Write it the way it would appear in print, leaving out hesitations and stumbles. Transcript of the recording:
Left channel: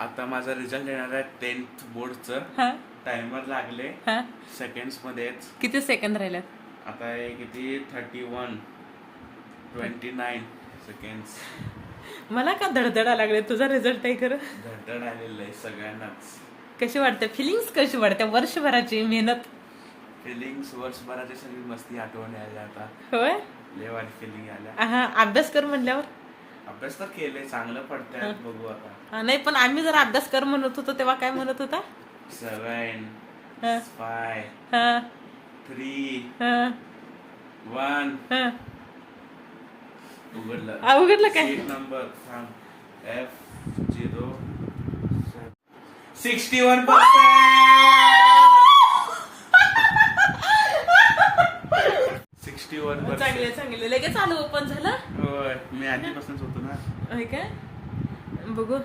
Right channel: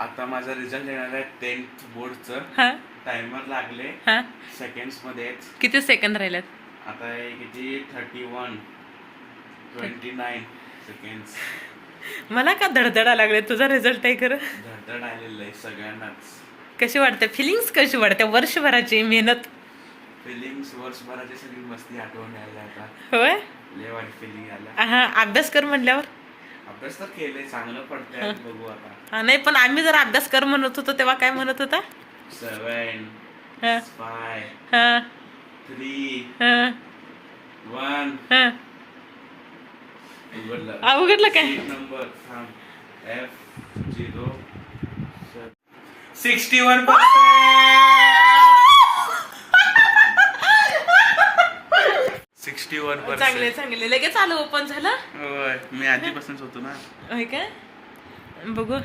आता माझा रिझल्ट येणार आहे 10th बोर्डचं. हा टाइमर लागले हा सेकंड्स मध्येच. किती सेकंद राहिल्यात? आता हे किती 29 सेकंड्स. मला का धडधडा लागले? तुझा रिझल्ट आहे खरं. धडधड आलेलं आहे सगळ्यांनाच. कशी वाटते फिलिंग्स? कशी वाटते वर्षभराची मेहनत? फिलिंग्स वर्षभराची सगळी मस्ती आठवण यायला आता. होय लय वाईट फिलिंग आल्या. हा अभ्यास कर म्हणल्यावर अभ्यास तर केले चांगलं पडतंय बघू आता. हा नाही पण आम्ही जर अभ्यास कर म्हणत होतो तेव्हा काय म्हणत होता? 7 हा 5 हा 3 हा 1 हा उघडलं. उघडलं काय? सीट नंबर थांब F0 61%. 61%. चांगले चांगले लगेच आलं ओपन झालं. होय मी आधीपासूनच होतो ना. होय काय बघू.